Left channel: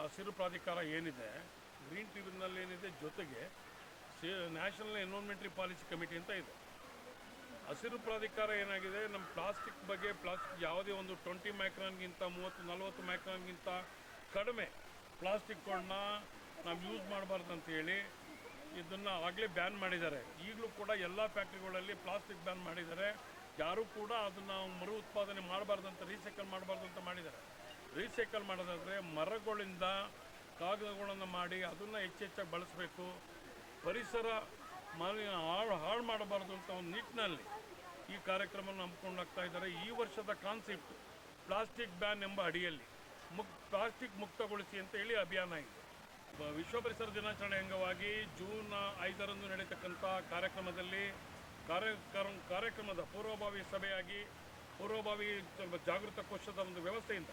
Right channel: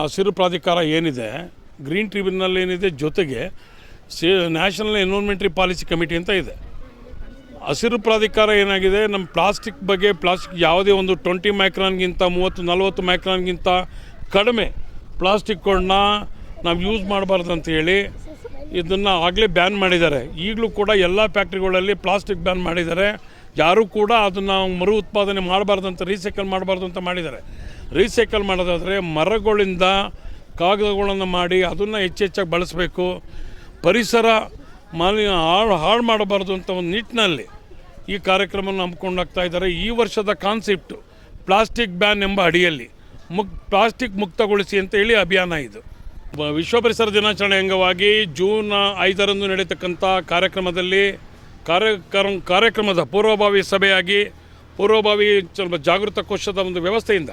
ಹಸಿರು ಪ್ರಾಧಿಕಾರ ಏನಿದೆ, ಗ್ರೀನ್ ಟ್ರಿಬ್ಯುನಲ್ ಏನಿದೆ ಜೊತೆಗೆ ನ್ಯಾಷನಲ್ ಎನ್ವಿರಾನ್ಮೆಂಟ್ರಿ ಪಾಲಿಸಿ ಕಮಿಟಿ ಅಂತ ಇದೆ. ಹಸಿರು ಪ್ರಾಧಿಕಾರ ಏನಾಗಿದೆ ನಮ್ಮ ಪ್ಲಾಸ್ಟಿಕ್ ಬಗ್ಗೆ ಪ್ಲಾಸ್ಟಿಕ್ ಯಾವುದೇ ಒಂದು ಟ್ವೆಂಟಿ ಮೈಕ್ರಾನ್ಗಿಂತ ಮೂವತ್ತು, ನಲವತ್ತು ಮೈಕ್ರಾನ್ಗಿಂತ ಕಡಿಮೆ ಪ್ಲಾಸ್ಟಿಕ್ಗಳನ್ನ ನಾವು ಯೂಸ್ ಮಾಡಬಾರ್ದು ಅಂತ ಹೇಳಿ ಇದನ್ನು ಆಗಲೇ ಬ್ಯಾನ್ ಮಾಡಿದ್ದಾರೆ. ಈಗಲೂ ಕೂಡ ಎಲ್ಲ ಫ್ಯಾಕ್ಟ್ರಿಗಳಲ್ಲಿ ಪ್ಲಾಸ್ಟಿಕ್ ಬ್ಯಾನ್ ಮಾಡಿದ್ದಾರೆ. ಯಾರೂ ಕೂಡ ಅದನ್ನು ಮರು ಉತ್ಪಾದನೆ ಮಾಡಬಾರ್ದು ಅಂತ, ರೀಸೈಕಲ್ ಮಾಡಬಾರ್ದು ಅಂತ ಮಾಡಿದ್ದಾರೆ. ರೀಸೈಕಲ್ ಮಾಡೋದಾದರೆ ಮರಗಳಿಂದ ಕಾಗದಗಳನ್ನು ಮಾಡಿ ಅದನ್ನು ಹೆಚ್ಚೆಚ್ಚಾಗಿ ಬಳಸಬೇಕು. ಪರಿಸರ ಮಾಲಿನ್ಯ ಹಾಳು ಹಾಳು ಮಾಡಬಾರ್ದು ಅಂತ ಒಂದು ನಿಟ್ಟಿನಲ್ಲಿ ಈ ಕಾರ್ಯಕ್ರಮವನ್ನು ಹಮ್ಮಿಕೊಂಡೋಗ್ತಾ ಇದ್ದಾರೆ. ಈ ವರ್ಷದ ಕಾನ್ಸೆಪ್ಟು ಪ್ಲಾಸ್ಟಿಕ್ ಬ್ಯಾನ್ ಎಂಬ ಅಡಿಯಲ್ಲಿ ಮುಕ್, ಪ್ಲಾಸ್ಟಿಕ್ ಮುಕ್ತಗೊಳಿಸಿ ಅಂತ ಹೇಳಿ ಅಭಿಯಾನ ಇದು. ವಿಶ್ವ ಪರಿಸರ ದಿನಾಚರಣೆ ಅಂಗವಾಗಿ ಜೂನ್ ಐದರಂದು ನಡೀತಕ್ಕಂಥ ಕಾರ್ಯಕ್ರಮದಲ್ಲಿ ಕಾರ್ಯಕ್ರಮ ಕಾರ್ಯಕ್ರಮದ ಪೂರ್ವಭಾವಿ ಸಭೆಯಾಗಿ, ಪೂರ್ವಭಾವಿ ಸ್ವಲ್ಪ ಜಾಗೃತ ಕೋಶದ ಒಂದು ವ್ಯವಸ್ಥೆಯಿಂದ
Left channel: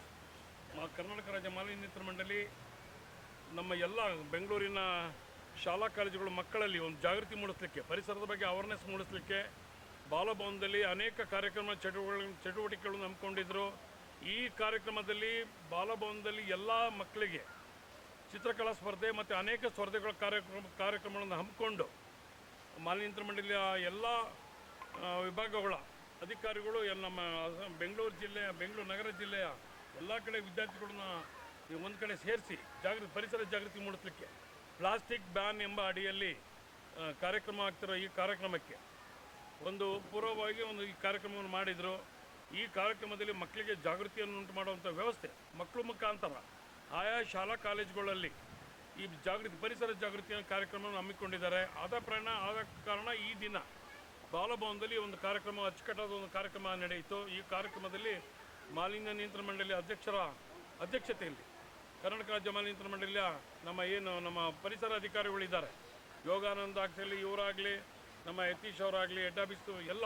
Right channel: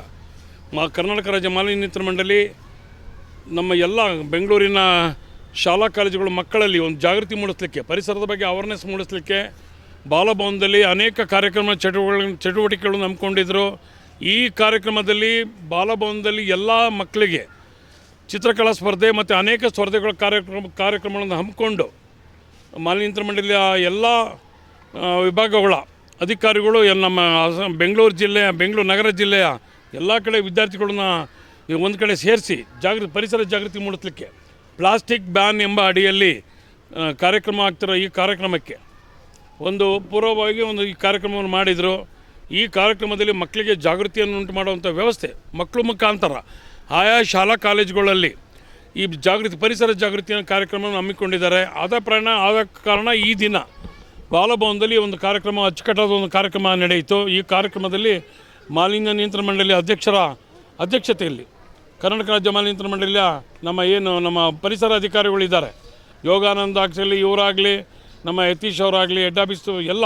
ಮ ಕರ್ನಾಟಕ ರಾಜ್ಯ ಮಾಲಿನ್ಯ ಮಂಡಳಿ ನಮ್ಮ ಎಲ್ಲ ಬೆಂಗಳೂರಿನ ಶಾಲಾ ಕಾಲೇಜುಗಳ ಮಕ್ಕಳಲ್ಲಿ ಒಂದು ಜಾಗೃತಿ ಮೂಡಿಸಲಿಕ್ಕೆ, ಪರಿಸರದ ಬಗ್ಗೆ ಅವೇರ್ನೆಸ್ ಮೂಡಿಸಲಿಕ್ಕೆ ಬಾಲಭವನದಲ್ಲಿ ಅನೇಕ ಕಾರ್ಯಕ್ರಮ ಚಟುವಟಿಕೆ, ಚಟುವಟಿಕೆಗಳನ್ನು ಹಮ್ಮಿಕೊಂಡಿದ್ದರು ಈ ಕಾರ್ಯಕ್ರಮದಲ್ಲಿ ಬಾಲಭವನದಲ್ಲಿ ಎಲ್ಲ ಮಕ್ಕಳಿಗೆ ಚಿತ್ರಕಲಾ ಸ್ಪರ್ಧೆ ಮತ್ತು ಅನೇಕ ಸ್ಪರ್ಧೆಗಳ ಕಾರ್ಯಕ್ರಮ, ಕಾರ್ಯಕ್ರಮಗಳನ್ನು ಹಮ್ಮಿಕೊಂಡು ಮಾಲಿನ್ಯ ಮಂಡಳಿಯ ಎಲ್ಲ ವಿಭಾಗಗಳ ಅಧಿಕಾರಿಗಳು ನಮ್ಮ ಬೆಂಗಳೂರು ಜಿಲ್ಲೆಯ, ಬೆಂಗಳೂರು ನಗರ ಜಿಲ್ಲೆಯ ಎಲ್ಲ ಕಡೆ ವಿದ್ಯಾರ್ಥಿಗಳನ್ನ ಒಂದು ಕಡೆ ಸೇರಿಸಿ ಜಾಗೃತಿ ಪರಿಸರ ಜಾಗೃತಿ ಮೂಡಿಸಲಿಕ್ಕೆ ಪ್ಲಾಸ್ಟಿಕ್ ಬ್ಯಾನ್ ಎಂಬ ಅಡಿಯಲ್ಲಿ ಕಾರ್ಯಕ್ರಮ ಆಗ್ತಿರೋ ಈ ಕಾರ್ಯಕ್ರಮಕ್ಕೆ ಒಂದು ಪೂರ್ವವಾಗಿ ಒಂದು ಈ ಕಾರ್ಯಕ್ರಮವನ್ನು ಮಾಡಿದರು. ಈ ಕಾರ್ಯಕ್ರಮದಲ್ಲಿ ಮಕ್ಕಳಿಗೆ ಜಾಗೃತಿಯನ್ನು ಉಂಟು ಮಾಡುವಂಥ ವ್ಯವಸ್ಥೆ ಮಕ್ಕಳು ಮುಖಾಂತರ ಆಯಾ ಶಾಲಾ ಕಾಲೇಜುಗಳಲ್ಲಿ ಈ ಜಾಗೃತಿ, ಪರಿಸರ ಜಾಗೃತಿಯ ಕಾರ್ಯಕ್ರಮವನ್ನು ಹಮ್ಮಿಕೊಂಡಿದ್ದಾರೆ. ಆದ ಪ್ರಯಾಣ, ಆದ ಕಾರಣ ಈ ದಿನ ಬಾಲಭವನದಲ್ಲಿ ಒಂದು ಕಾರ್ಯಕ್ರಮ, ಅಚ್ಚುಕಟ್ಟಾದ ಒಂದು ಕಾರ್ಯಕ್ರಮ ನಡೆಯಿತು. ಈ ಕಾರ್ಯಕ್ರಮದಲ್ಲಿ ಮಾಲಿನ್ಯ ನಿಯಂತ್ರಣ ಮಂಡಳಿ ಅಧ್ಯಕ್ಷರ ಅಧ್ಯಕ್ಷತೆಯಲ್ಲಿ ಕರ್ನಾಟಕ ರಾಜ್ಯ ಮಾಲಿನ್ಯ ನಿಯಂತ್ರಣ ಮಂಡಳಿಯ ನಮ್ಮ ಏನು, ನಮ್ಮ ಪರಿಸರ ಅಧಿಕಾರಿಗಳಿದ್ದಾರೆ ಯೋಗಾನಂದ ಆಗಲಿ, ಇವರಾಗಲಿ, ನಮ್ಮ ಯತೀಶ್ ಅವರಾಗಲಿ ಆಫೀಸು ಎಲ್ಲ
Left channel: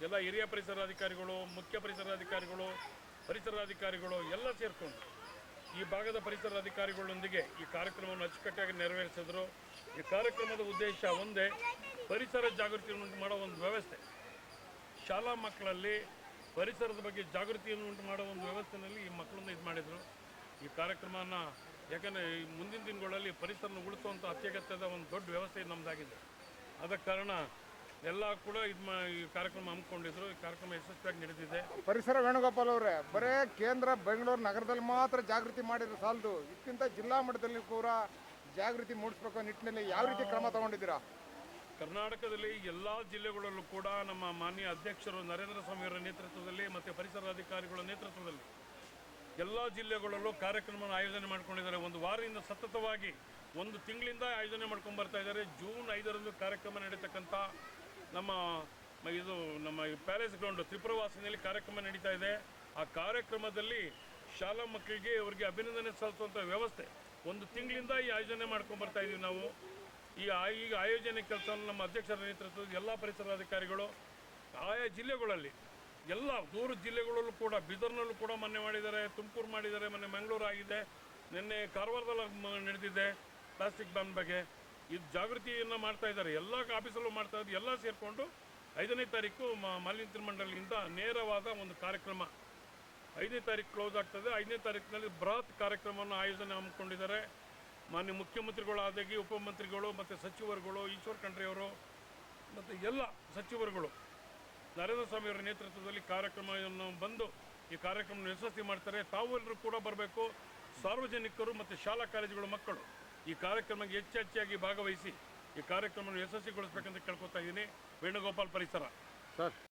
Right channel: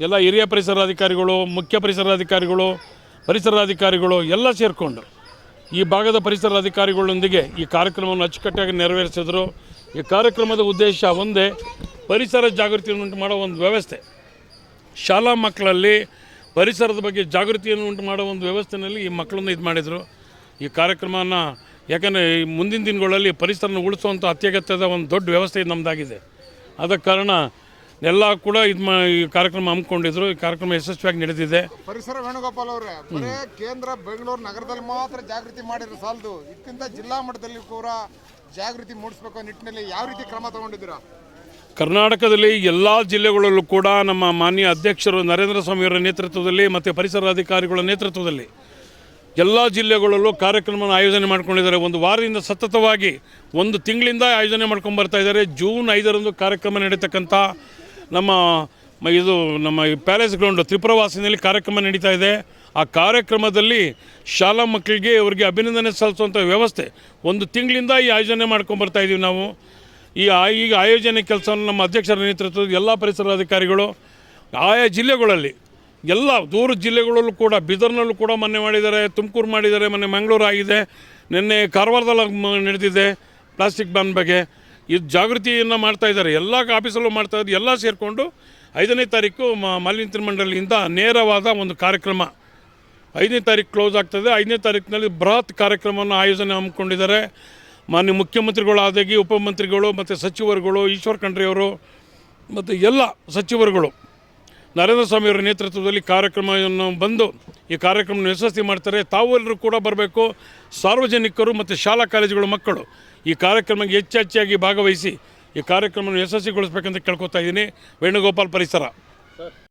ಎಲ್ಲ ಹಿರಿಯ ಪರಿಸರ ಅಧಿಕಾರಿಗಳು, ಮುಖ್ಯ ಪರಿಸರ ಅಧಿಕಾರಿಗಳು ಪರಿಸರ ಅಧಿಕಾರಿಗಳು ಎಲ್ಲ ಸೇರಿಕೊಂಡು ಈ ಭಾಗದ ಪರಿಸರ ಅಧಿಕಾರಿಗಳೊಂದಿಗೆ ಈ ಕಾರ್ಯಕ್ರಮವನ್ನು ಅಚ್ಚುಕಟ್ಟಾಗಿ ನೆರವೇರಿಸಿದರು. ಈ ಕಾರ್ಯಕ್ರಮದ ಉದ್ದೇಶ ಒಂದೇ, ಪರಿಸರ ಜಾಗೃತಿಯನ್ನು ಉಂಟು ಮಾಡೋ ಒಂದು ವ್ಯವಸ್ಥೆ. ಶಾಲಾ ಮಕ್ಕಳಲ್ಲಿ ಪರಿಸರದ ಬಗ್ಗೆ ಜಾಗೃತಿಯನ್ನು ಉಂಟು ಮಾಡೋ ಒಂದು ವ್ಯವಸ್ಥೆಯಲ್ಲಿ ಈ ಮಕ್ಕಳನ್ನು ಇದು ಮಾಡಿದರು. ಈ ಕಾರ್ಯಕ್ರಮನ ಯಾಕಂದರೆ ಈ ಮುಂದಿನ ದಿನಗಳಲ್ಲಿ ಪರಿಸರನ ಉಳಿಸುವಂಥ ಅತ್ಯಗತ್ಯದ ಒಂದು ದೊಡ್ಡ ವ್ಯವಸ್ಥೆ ನಮ್ಮದಾಗಿದೆ ಆದ ಕಾರಣ ಎಲ್ಲ ಕೂಡ ಇದು ಮಾ, ಈ ಕಾರ್ಯಕ್ರಮ ಹಮ್ಮಿಕೊಂಡಿದ್ರು. ಈ ಕಾರ್ಯಕ್ರಮ ಯಶಸ್ವಿಯಾಗಿ ನಡೆದಿದೆ. ಪರಿಸರ ವೇಣುಗೋಪಾಲ್ ಅವರೇ, ಬರೇ ಕೇಂದ್ರ ಬೆಂಗಳೂರು ನಗರದಲ್ಲಿ ಮಾತ್ರ ಜಾಗೃತಿ ಮಾಡಿರೋ ಸಾಲದು. ಇದಕ್ಕಿಂತ ಜಿಲ್ಲಾ ಮಟ್ಟದಲ್ಲಿ ಕೂಡ ಜಾಗೃತಿ ಮೂಡಿಸ್ಬೇಕು ನಿಟ್ಟಿನಲ್ಲಿ ಯಾವ ರೀತಿ ಕ್ರಮ ತಗೊಂಡಿದ್ದೀರಾ? ಕರ್ನಾಟಕದಲ್ಲಿ ಎಲ್ಲ ಜಿಲ್ಲೆಗಳಲ್ಲೂ ಕೂಡ ನಮ್ಮ ಮಾನ್ಯ ಅಧ್ಯಕ್ಷರು ನರೇಂದ್ರ ಸ್ವಾಮಿಯವರ ನೇತೃತ್ವದಲ್ಲಿ ಮತ್ತು ಪರಿಸರ ಅಧಿಕಾರಿಗಳ ನೇತೃತ್ವದಲ್ಲಿ ಎಲ್ಲ ಜಿಲ್ಲೆಗಳಲ್ಲೂ ಕಾರ್ಯಕ್ರಮವನ್ನು ಆಯೋಜನೆ ಮಾಡ್ಕೊಂಡಿದ್ದಾರೆ. ಒಂದು ವಾರದಿಂದ ಸತತವಾಗಿ ಒಂದು ತಿಂಗಳಿಂದ ಆಯೋಜನೆ ಮಾಡ್ಕೊಂಡು ಬರ್ತಾ ಇದ್ದಾರೆ. ಜೂನ್ ಐದರಂದು ಕಾರ್ಯಕ್ರಮ ನಡೀತಕ್ಕಂಥ ನಮ್ಮ ಇದು ನಮ್ಮ ಪ್ಯಾಲೇಸ್ ಗ್ರೌಂಡ್ ತ್ರಿಪುರವಾಸಿನಲ್ಲಿ ಕಾರ್ಯಕ್ರಮ ನಡೀತಾ ಇದೆ. ಆ ಕಾರ್ಯಕ್ರಮದಲ್ಲಿ ಶಾಲಾ ಮಕ್ಕಳಿಗೆ ಅವರಿಗೆ ಅಭಿನಂದನೆ ಸಲ್ಲಿಸುವಂಥ ವ್ಯವಸ್ಥೆ ಒಂದು ತಿಂಗಳಿಂದ ಈ ಆಯೋಜನೆ ಮಾಡ್ಕೊಂಡು ಇದ್ದೀವಿ ನಾವು. ಈ ಈಗ ಆಯೋಜನೆ ಕೆಲಸವನ್ನು ನಮ್ಮ ಅಧ್ಯಕ್ಷರ ನೇತೃತ್ವದ ಎಲ್ಲ ಪರಿಸರ ಅಧಿಕಾರಿಗಳು ಆಯಾ ಜಿಲ್ಲೆಗಳಲ್ಲಿ, ಎಲ್ಲ ದೂರ ಜಿಲ್ಲೆಗಳಲ್ಲೂ ಕೂಡ, ಬೀದರ್ನಲ್ಲೂ ಕೂಡ ಮೊನ್ನೆ ಮಾಡಿದ್ದಾರೆ, ತುಮಕೂರು ಮಾಡಿದ್ದಾರೆ, ಮೊನ್ನೆ ಮಂಗಳೂರು ಆಗಿದೆ, ನಿನ್ನೆ ಕಾರವಾರದಲ್ಲಿ ನಡೆದಿದೆ ಪ್ಲಾಸ್ಟಿಕ್ ಬ್ಯಾನ್ ಬಗ್ಗೆ. ಇದು ಜಾಗೃತಿಯನ್ನು ಮಾಡ್ತಾ ಇದ್ದಾರೆ. ಎಲ್ಲ ಆಫೀಸಲ್ಲೂ ಮಾಡ್ತಾ ಇದ್ದಾರೆ. ಎಲ್ಲ ಸೇರಿಕೊಂಡು ಐದನೇ ತಾರೀಕು ಮಾಲಿನ್ಯ ಮಂಡಳಿಯಿಂದ ನೇರವಾದ ಒಂದು ಕಾರ್ಯಕ್ರಮ. ಐದನೇ ತಾರೀಕು ಕ್ಲೋಸ್ ಆಗ್ತದೆ. ಐದನೇ ತಾರೀಕಿನಲ್ಲಿ ಬೃಹತ್ ಕಾರ್ಯಕ್ರಮವನ್ನು ಆಯೋಜನೆ ಹಮ್ಮಿಕೊಂಡಿದ್ದಾರೆ. ಮಾನ್ಯ ಮುಖ್ಯಮಂತ್ರಿಗಳಾದಾಗಿ ಉಪಮಂತ್ರಿಗಳು ಮತ್ತು ಸಚಿವರುಗಳು ಈಶ್ವರ್ ಖಂಡ್ರೆಯವರು ಮತ್ತು ಎಲ್ಲ ಸಚಿವರುಗಳು ನರೇಂದ್ರ ಸ್ವಾಮಿಯವರ ನೇತೃತ್ವದಲ್ಲಿ ಕಾರ್ಯಕ್ರಮವನ್ನು ಬಂದು ಈ ಕಾರ್ಯಕ್ರಮವನ್ನು ಯಶಸ್ವಿ ಮಾಡ್ತಾರೆ. ತಾವೆಲ್ಲರೂ ಕೂಡ ಬರಬೇಕು. ಸಾರ್ವಜನಿಕರು ಮತ್ತು ಶಾಲಾ ಕಾಲೇಜುಗಳ ಮಕ್ಕಳು ಈ ಕಾರ್ಯಕ್ರಮಕ್ಕೆ ಹೆಚ್ಚೆಚ್ಚಾಗಿ ಭಾಗವಹಿಸಿ ಈ ಕಾರ್ಯಕ್ರಮವನ್ನು ಯಶಸ್ವಿಗೊಳಿಸಬೇಕಂತ ಕೇಳ್ಕೊತಾ ಇದ್ದೀನಿ. ವೇಣುಗೋಪಾಲ್ ಪರಿಸರ.